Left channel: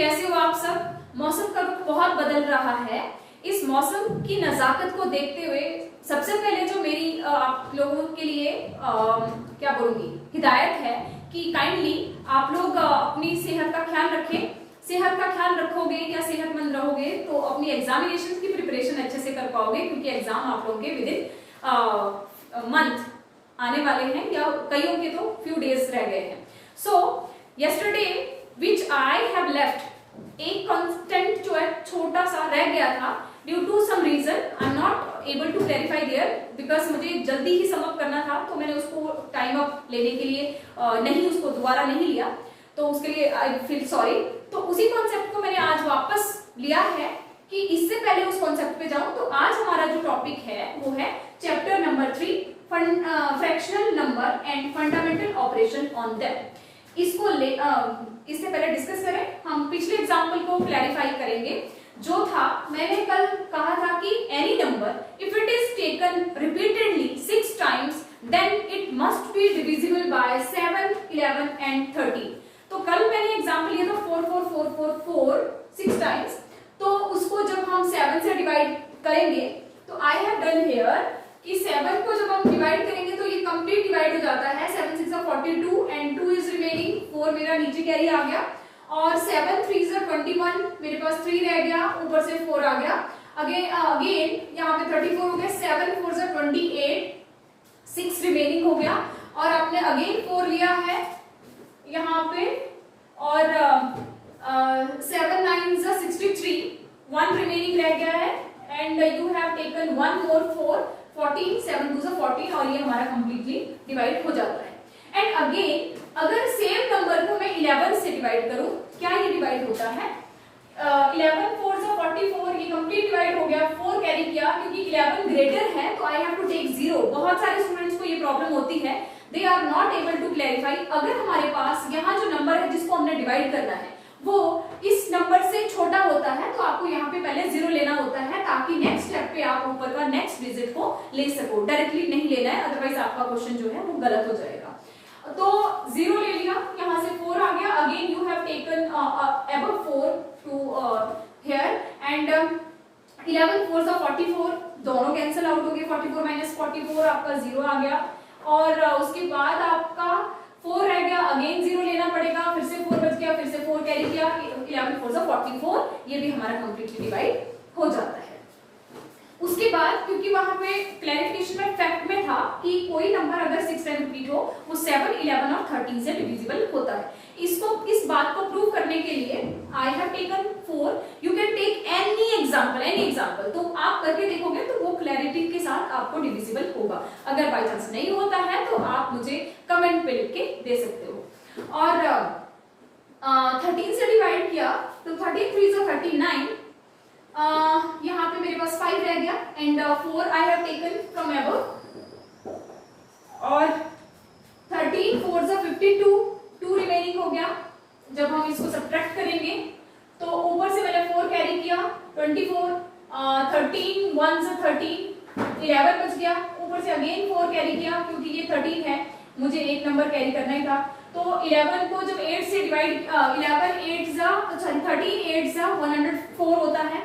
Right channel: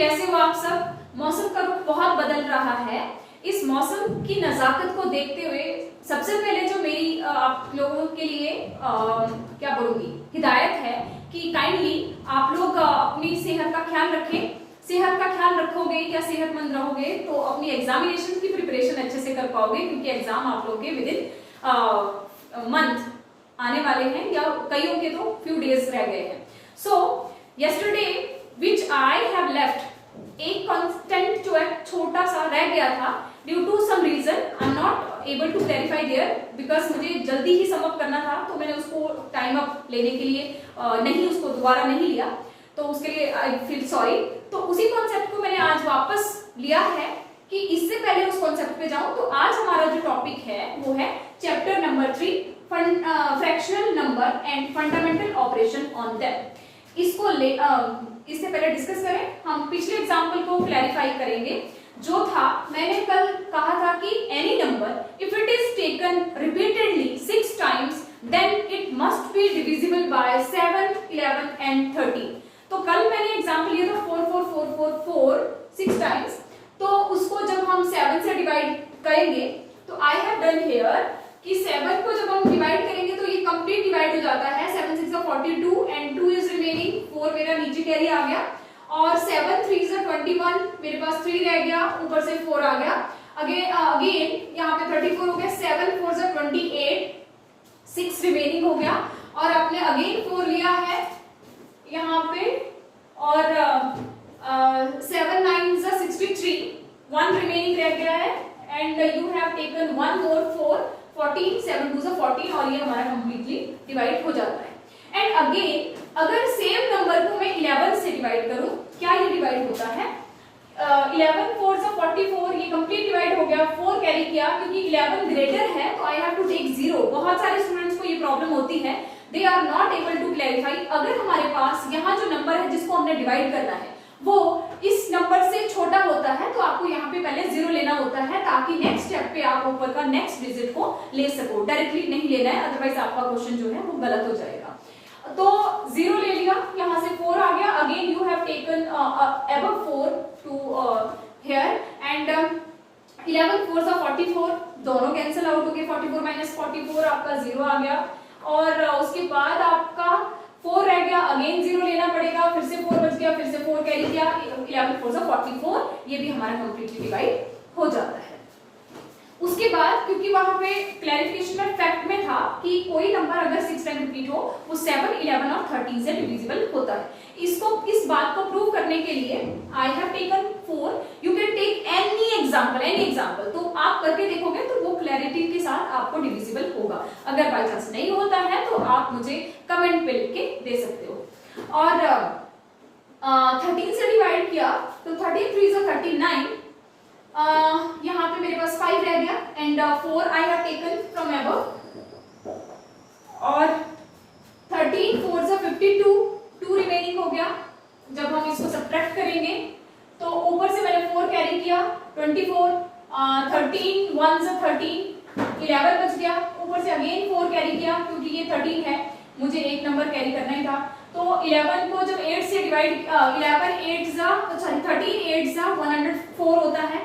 कैसे हो आप सब। मौसम का रुख बहुत बदल रहा है। इस मौसम की नजाकत को देखते हुए सबसे पहले जो मेरी आप लोगों के लिए क्या बोलूंगी हिदायत है कि काइंडली आप लोग अपनी सेहत का ख्याल रखें। सेहत का ख्याल रखोगे या सेहतमंद रहोगे तो अपनी एग्जामिनेशन की प्रिपरेशन अच्छे से कर पाओगे, क्योंकि एग्जाम आप लोगों के विद इन मंथ आने वाले हैं या कईयों के तो फ्यू डेज रह गए हैं। So yesterday which I have left एक कंटेंट जो है छोटा सा रह गया था due to some reason I am not able to clarify there because मुझे जल्दी ही सम अप करना था, तो मैंने उसको टाइम अप लेने के लिए नहीं उसको दोबारा नहीं लिया, तो उसके लिए आई फील सॉरी। तो उसी कॉन्सेप्ट को मैंने आज वापस लिया है कि इससे पहले उस कॉन्सेप्ट पे जाऊं। तो आज हमारा जो टॉपिक है वो है chapter number 3 fractional number and fundamental operation on them. इसको इससे पहले डिस्कस करें, हम पिछले एग्जाम्पल को क्लैरिफाई करेंगे। जो था मैंने कल कहा था कि any number if it is taken repeatedly 6 times then it must be divisible by 7, 11 and 13। तो कल मैंने एग्जाम्पल लिया था 4 4 4 4 4 6 टाइम्स, तो उसको जब हम 7 से डिवाइड करेंगे तो आई हैव डन हियर कि 7 को जब हम डिवाइड करेंगे तो ये कंप्लीट डिवाइड हो जाता है। 7 6 42 एंड 2 इज रिमेनिंग, 4 मेरा नीचे कैरी आ गया और 7 3 से 21 मेरे पास 3 रह गया, ऊपर से 4 आ गया। अगेन यहाँ पे 34 हो गया, 7 4 से 28, 6 रिमेनिंग हो गया और आपने अगेन 4 लिया है यहाँ पे और 7 9 से 63, 1 रिमेनिंग रह गया है and you have taken 1 more 4 14, 7 2 से 14 और ये हमारा कंप्लीटली डिवाइड हो जाता है। एंड अगेन अगर सेम नंबर को मैं 11 से डिवाइड करूं, क्या ये डिवाइड होता है? 11 4 से 44, ये कंप्लीट डिवाइड हो गया, 4 कैरी किया क्योंकि 11 ग्रेटर है तो आई हैव टू टेक 0। बहुत सारे स्टूडेंट्स को ये प्रॉब्लम होती है, they are not able to clarify. अगर हमारे पास यहाँ जो नंबर है जिसको हमने डिवाइड करना है वो इस नंबर से छोटा होता है तो आपको यहाँ पे पहले 0 लेना होता है ताकि नेक्स्ट स्टेप पे आप ऊपर का नेक्स्ट डिजिट को ले सको। डायरेक्टली नहीं लेना है, अदरवाइज आपका क्वेश्चन जो है वो गलत हो जाएगा। तो 0 ले लिया, यहाँ से 4 आ गया, again you have taken above 4 to here and 11 4 से 44, दोनों कैंसिल आउट हो गए, 44 माइनस 44 आपका 0 आ गया और उसके बाद आपका 4 रह गया, अगेन 0 लेना पड़ेगा, फिर से 4 बच गया, फिर से 4 कैरी किया, 11 4 से 44, ये भी हमारा कंप्लीटली डिवाइड हो जाता है। उसके बाद क्योंकि वहां पे क्लैरिफिकेशन में फैक्ट में था कि कोई नंबर अगर 6 टाइम रिपीट हो वो 7, 11 और 13 से डिविजिबल होता है। इस बात को प्रूव करने के लिए I have taken 4, you can take any example, तो आप करके देखोगे तो वो क्लैरिटी के साथ आपको डिविजिबल होगा। अगर बाय चांस नहीं होता है तो आप मुझे कमेंट पे लिख के दे सकते हो। और 13 से डिवाइड किया तो 13 3 से 39, यहाँ पे मेरे पास 5 रह गया and 4 I have taken from above और 13 4 से 52, 2 रिमेनिंग हो गया। जब हम इसको सब्ट्रैक्ट करेंगे तो ऊपर से मैंने 4 कैरी किया, 24 13 1 से 13, 11 बच गया, ऊपर से अगेन 4 कैरी किया क्योंकि ये 13 है, मुझे एक नंबर कैरी करना ही था। तो 11 को जब 8 से डिवाइड 11 8 जा 13 8 जा 104 होता है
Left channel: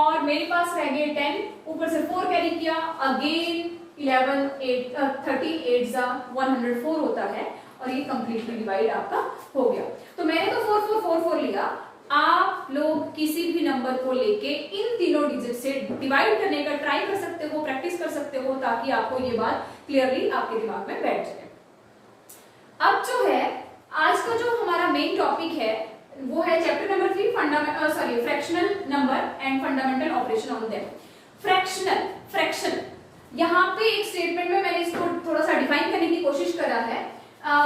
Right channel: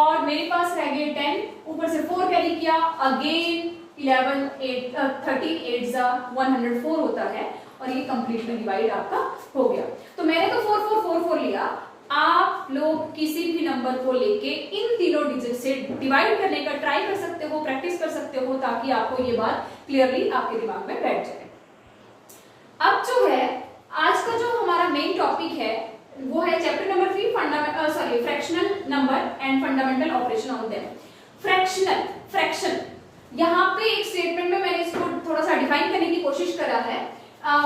और मेरे पास रह गए 10, ऊपर से 4 कैरी किया, अगेन 11 8 13 8 जा 104 होता है और ये कंप्लीटली डिवाइड आपका हो गया। तो मैंने तो 4 4 4 4 लिया, आप लोग किसी भी नंबर को लेके इन तीनों डिजिट से डिवाइड करने का ट्राई कर सकते हो, प्रैक्टिस कर सकते हो ताकि आपको ये बात क्लियरली आपके दिमाग में बैठ जाए। अब जो है आज का जो हमारा मेन टॉपिक है वो है chapter number 3 fractional number and fundamental operation on them. Fraction यहाँ पे एक स्टेटमेंट में मैंने इसको थोड़ा सा डिफाइन करने की कोशिश करा है।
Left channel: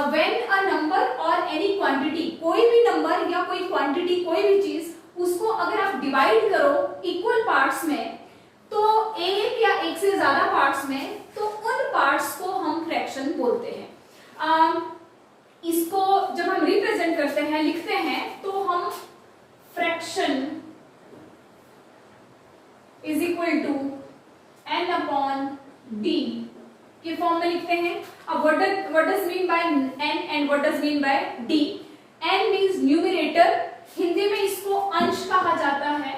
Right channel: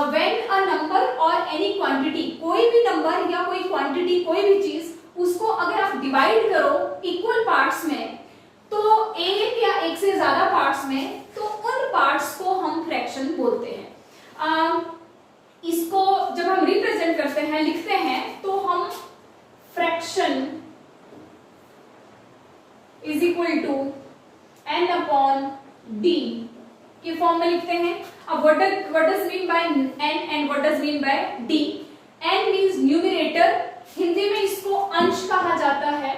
व्हेन अ नंबर और एनी क्वांटिटी, कोई भी नंबर या कोई क्वांटिटी कोई भी चीज उसको अगर आप डिवाइड करो इक्वल पार्ट्स में तो एक या एक से ज्यादा पार्ट्स में, तो उन पार्ट्स को हम फ्रैक्शन बोलते हैं। इसको जब हम रिप्रेजेंट करते हैं, लिखते हैं, तो हम fraction is equal to n upon d के फॉर्म में लिखते हैं। अब what does mean by n and what does mean by d? n means numerator Hindi में इसको अंश कहा जाता है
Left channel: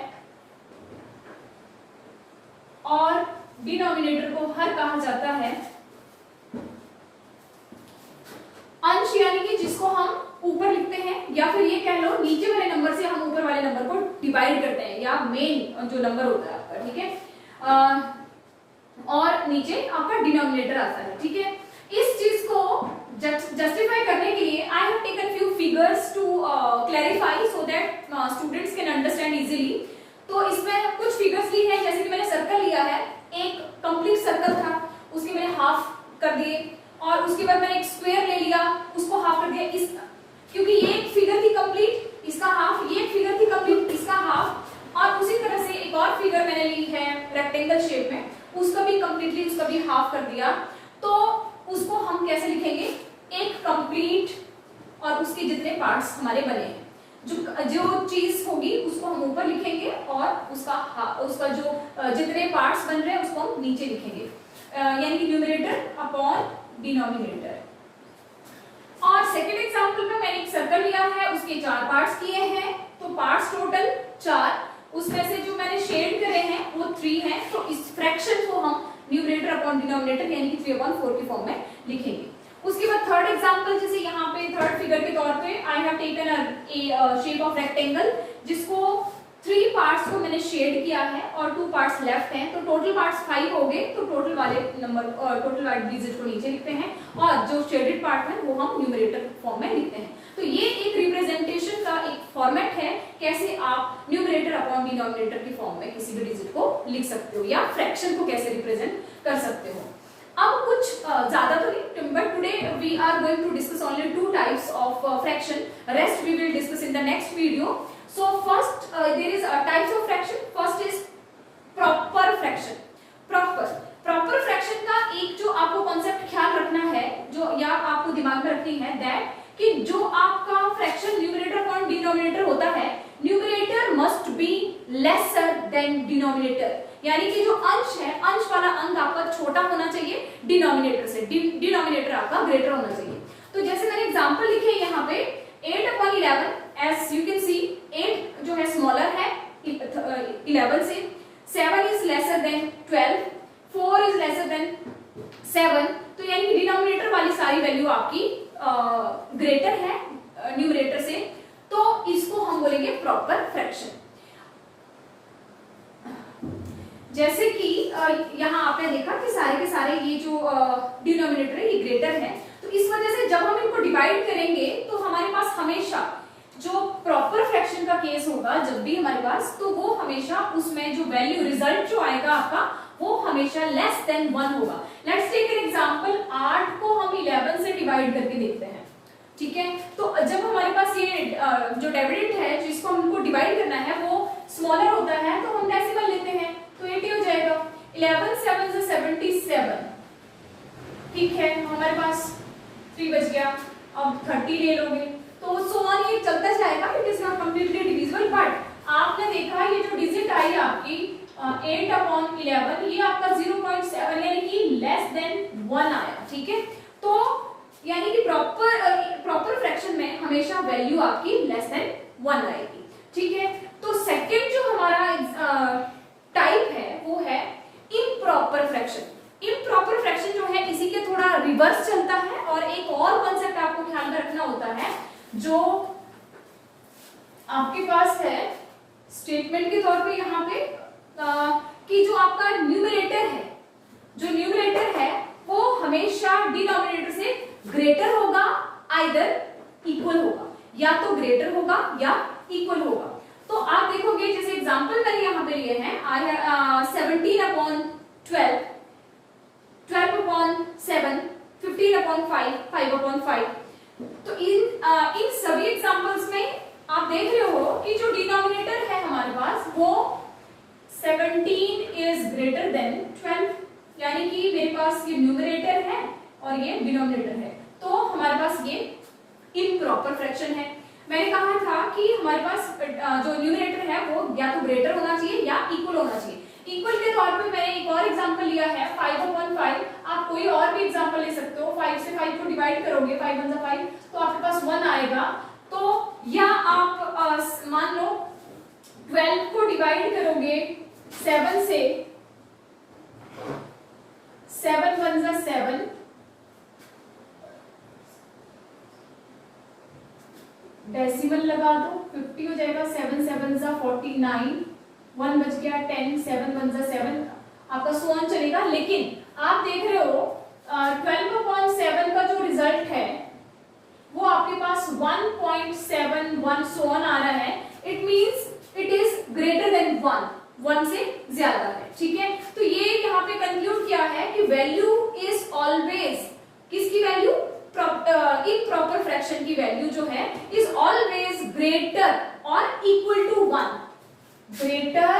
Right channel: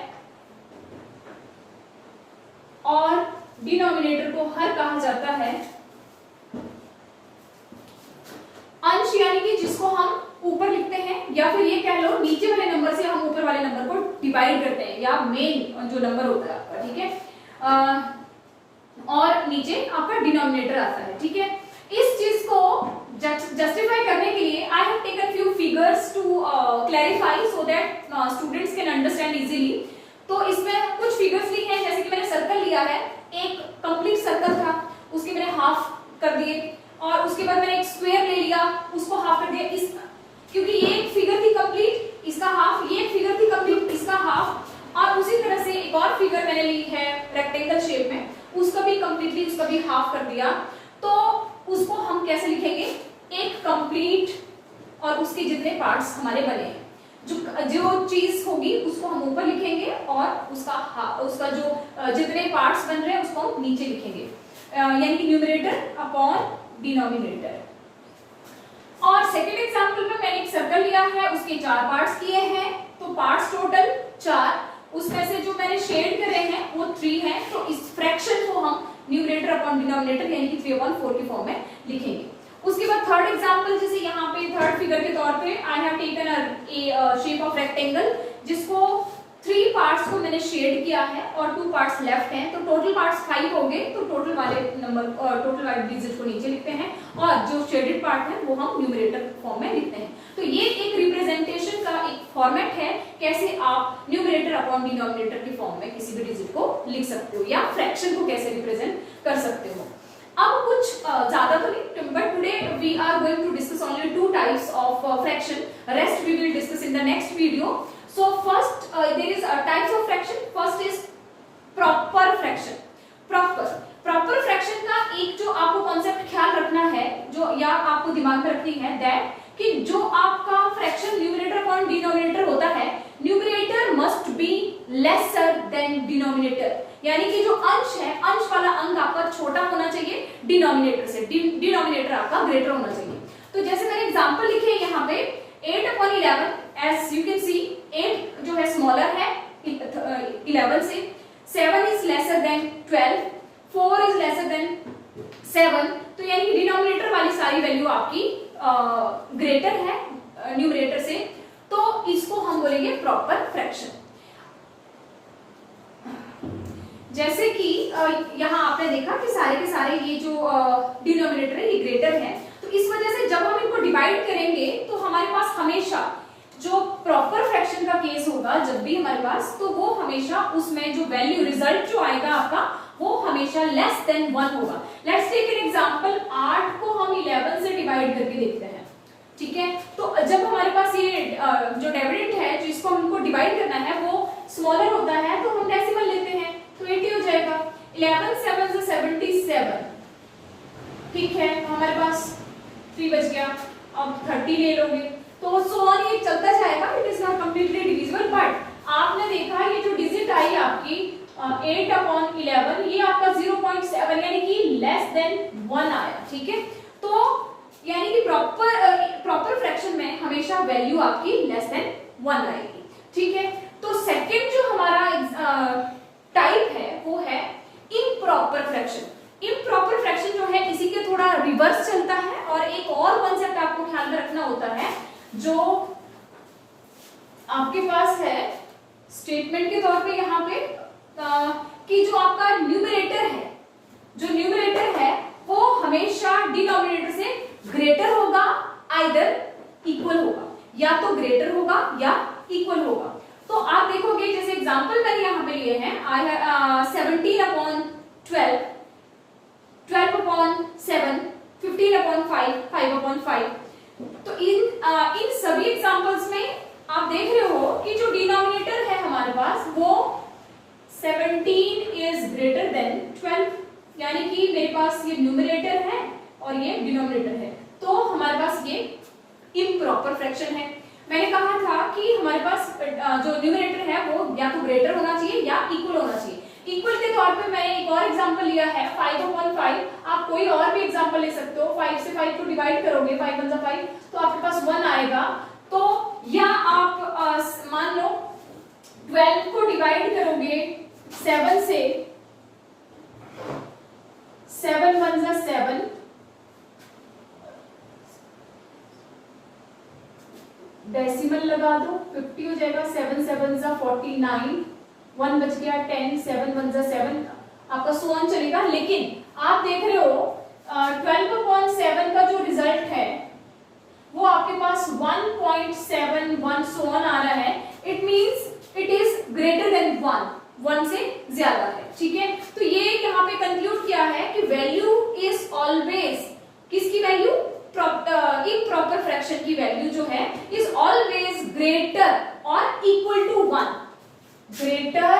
और डिनोमिनेटर को हर कहा जाता है। अंश यानी कि जिसको हम ऊपर लिखते हैं, या फिर ये कह लो नीचे वाले नंबर से हम ऊपर वाले नंबर को डिवाइड करते हैं, या मेन जो नंबर होता है आपका, ठीक है, और नीचे आपका डिनोमिनेटर आता है, ठीक है। इस चीज को जस्टिफाई करने के लिए I have taken few figures to clarify so that students can understand easily. तो इसमें कुछ फिगर्स ली हैं, जैसे कि मैंने सर्कल लिया है, एक कंप्लीट सर्कल था, उसके मैंने हाफ कर दिए, और उसके बाद मैंने एक स्क्वायर ले लिया, उसको हाफ कर दिया। इस क्योंकि ये एक फिगर थी कंप्लीट, इसका हाफ, ये एक फिगर थी कंप्लीट, इसका हाफ, और उसी तरह से एक और फिगर मैंने ली है रेक्टेंगल शेप में, उसका भी कंप्लीटली, उसका भी हाफ कर दिया। तो उसको हम कैसे लिखेंगे, एक कंप्लीट और उसके जितने पार्ट्स हमारे बने हैं, जो चीज होगी उसको हम ऊपर लिखेंगे और उसका जो जितने पार्ट्स बन रहे हैं उसको हम नीचे लिखेंगे, यानी कि न्यूमरेटर अपॉन डिनोमिनेटर। और सेकंड एग्जांपल में मैंने एक सर्कल लिया है, उसके 4 पार्ट्स किए हैं, तो पार्ट्स टोटल 4, उसमें से जो मैंने शेड करे हैं वो 3 हैं, तो इस फ्रैक्शन को हम न्यूमरेटर अपॉन डिनोमिनेटर यानी कि 3/4 के फॉर्म में लिखेंगे। उसके बाद थर्ड एग्जांपल, जैसे यहाँ पे थर्ड फिगर के तौर पे आई have taken a shape of rectangle, जिसको 3 पार्ट्स को मैंने शेड किया है और 2 पार्ट्स लेफ्ट हैं, तो टोटल पार्ट्स 5 हो गए। तो टोटल वाले नंबर टोटल वाले डिजिट को नीचे लिखते हैं और जो शेडेड पार्ट है वो हम न्यूमरेटर फॉर्म में लिखते हैं। तो ये एक रिप्रेजेंटेशन का एक फॉर्मेट है, कैसे आप न्यूमरेटर अपॉन डिनोमिनेटर की फॉर्म में किसी भी डिजिट को लिख सकते हो, या फ्रैक्शन को कैसे रिप्रेजेंट कर सकते हो। अब कुछ ज्यादा तो नहीं, but today we are going to discuss only 2 types of fraction, rest we will discuss in the next video. So first there is types of fraction. First is proper fraction. Proper fraction का एक जो आपको concept ख्याल रखना है, जो या आपको दिमाग में रखनी है, दैट कि जो आपका फ्रैक्शन न्यूमरेटर अपॉन डिनोमिनेटर होता है, numerator must be lesser than denominator, यानी कि जो अंश है, अंश वाला अंक आपका छोटा होना चाहिए डिनोमिनेटर से, डिनोमिनेटर आपका ग्रेटर होना चाहिए। तो जैसे मैंने एग्जांपल लिखे हैं यहाँ पे 8/11, as you can see 8 जो है स्मॉलर है 11 से, 7 is lesser than 12, 4 is lesser than 7, तो यानी कि डिनोमिनेटर वाली सारी वैल्यू आपकी ग्रेटर है न्यूमरेटर से, तो इसको हम बोलेंगे प्रॉपर फ्रैक्शन। जैसे कि यहाँ आपने देखा कि सारे के सारे ये जो डिनोमिनेटर है ये ग्रेटर है, तो इस वजह से जब हम इनको डिवाइड करेंगे तो हमारे पास हमेशा जो प्रॉपर फ्रैक्शन का केस होगा जब भी हमारे पास, तो वो हमेशा उसमें जो वैल्यू रिजल्ट जो आएगा आपका वो हमेशा लेस देन 1 होगा। लेट्स टेक एन एग्जांपल, 8 को हम 11 से डिवाइड करके देखते हैं, ठीक है। तो जब हमारे पास ये जो डिविडेंड है जिसको हमको डिवाइड करना है वो स्मॉलर होता है, तो हम डेसिमल लेते हैं, तो 80 हो जाएगा। 11 7 से 77, ठीक है, हमारे पास 3 बच गया। अब 30 ले लोगे तो सो ऑन ये चलता जाएगा, it is not completely divisible. But आपने देखा ये जो डिजिट आई आपकी 8/11, ये आपका 0.7 यानी कि लेस देन 1 आया, ठीक है। तो यानी कि प्रॉपर फ्रैक्शन में हमेशा वैल्यू आपकी लेस देन 1 आएगी, ठीक है। तो सेकंड जो हमारा टाइप है वो है इम्प्रॉपर फ्रैक्शन। इम्प्रॉपर फ्रैक्शन जो है इसी के थोड़ा रिवर्स चलता है, और एक और कॉन्सेप्ट आपको ख्याल में रखना होता है जो आपके पास है स्टेटमेंट के तौर पे यहाँ पे कि जो आपका न्यूमरेटर है वो हमेशा डिनोमिनेटर से ग्रेटर होगा, आइदर इक्वल होगा, या तो ग्रेटर होगा या इक्वल होगा। तो आप देखोगे जैसे एग्जांपल मैंने यहाँ पे लिए हैं 17/12, 12/7, 15/5, 5/5। तो इन सभी एग्जांपल्स में आप देख रहे हो कि जो डिनोमिनेटर है हमारे पास वो 17 इज ग्रेटर देन 12, यानी कि मेरे पास ये न्यूमरेटर है और ये डिनोमिनेटर है, तो हमारे पास ये इम्प्रॉपर फ्रैक्शन है। मैंने कहा था कि हमारे पास जो न्यूमरेटर है वो या तो ग्रेटर होना चाहिए या इक्वल होना चाहिए। इक्वल के तौर पे मैंने एक और एग्जांपल लिया है 5/5, आप कोई और भी एग्जांपल ले सकते हो। 5 से 5 को डिवाइड करोगे, 5 1 5, तो आपके पास 1 आएगा। तो या आप मान लो 12 को डिवाइड करोगे 7 से, 7 1 जा 7, डेसिमल लगा दो 50 हो जाएगा, 7 7 जा 49, 1 बच गया 10, 7 1 जा 7, आपका सोन चलेगा। लेकिन आप देख रहे हो 12/7 का जो रिजल्ट है वो आपके पास 1.71 सोन आ रहा है। It means it is greater than 1 से ज्यादा है, ठीक है। तो ये यहाँ पे कंक्लूड किया है कि वैल्यू इज ऑलवेज, किसकी वैल्यू, इम्प्रॉपर फ्रैक्शन की वैल्यू जो है इज ऑलवेज ग्रेटर और इक्वल टू 1, ग्रेटर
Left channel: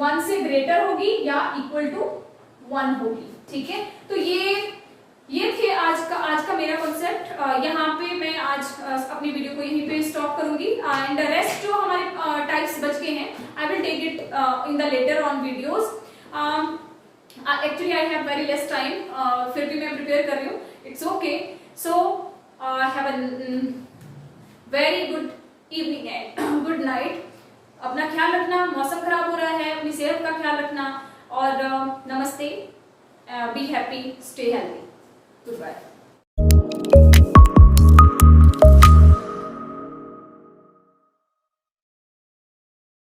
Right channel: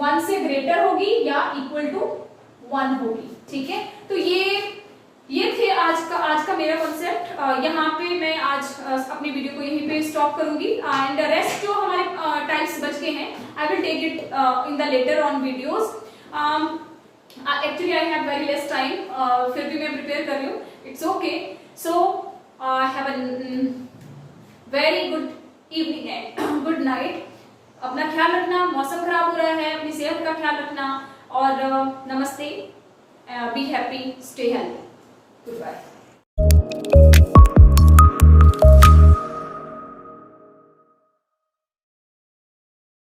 1 से ग्रेटर होगी या इक्वल टू 1 होगी, ठीक है। तो ये थे आज का मेरा कॉन्सेप्ट। यहाँ पे मैं आज अपनी वीडियो को यहीं पे स्टॉप करूंगी एंड रेस्ट जो हमारे टाइप्स बच गए हैं I will take it in the later on videos. Actually I have very less time, फिर भी मैं प्रिपेयर कर रही हूँ, it's okay. So have a very good evening and good night. अपना ख्याल रखना, मौसम खराब हो रहा है, अपनी सेहत का ख्याल रखना और नमस्ते, be happy, stay healthy, good bye.